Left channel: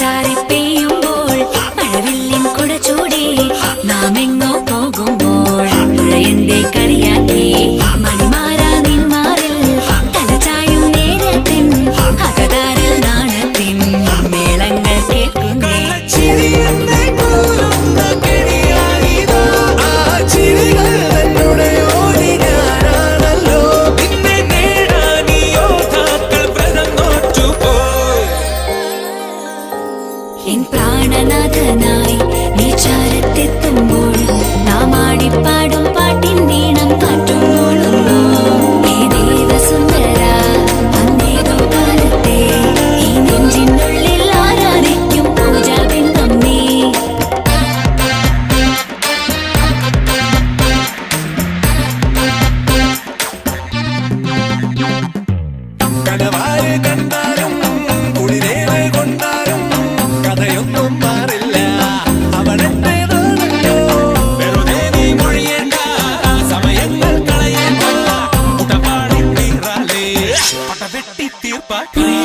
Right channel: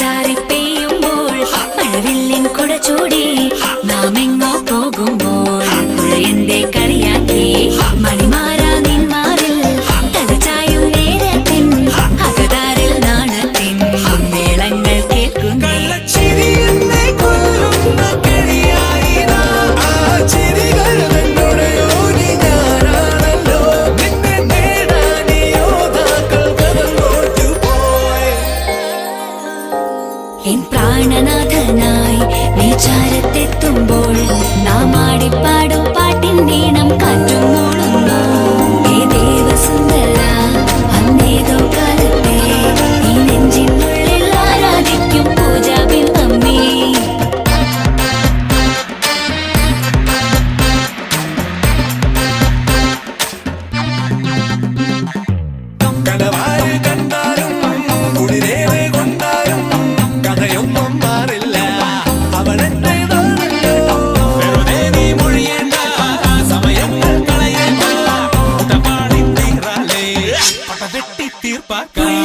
ചാറി പെയ്യുമ്പോൾ മഴവില്ലിൻ കുട ചൂടി നാം എങ്ങോ പോകുമ്പോൾ പുഴയന്റെ കളിയാക്കി മണിമാരാ നിന്മാറിൽ തലചായും നേരത്തിൻ അകതാരിൽ നാണത്തിൻ മേളങ്ങൾ കേൾക്കുന്നേ. എൻ പ്രാണനാഥനായി നീ ചാരത്തെത്തുമ്പോൾ നാം ആടിപ്പാടും പാട്ടിൻ വീണം കാറ്റുമ്പോളുന്നു. കടവാര് കണ്ടാലും കുളിരേറ് കൊണ്ടാലും കഥയൊന്നും മാറില്ല, അവനെന്റേതാണല്ലോ. വെറുതെ നീ മൊഴിയേണ്ട, സമയങ്ങൾ കളയേണ്ട, മുട്ടപാടി തീറാലേ പട വെട്ടി തീർപ്പാക്കാം.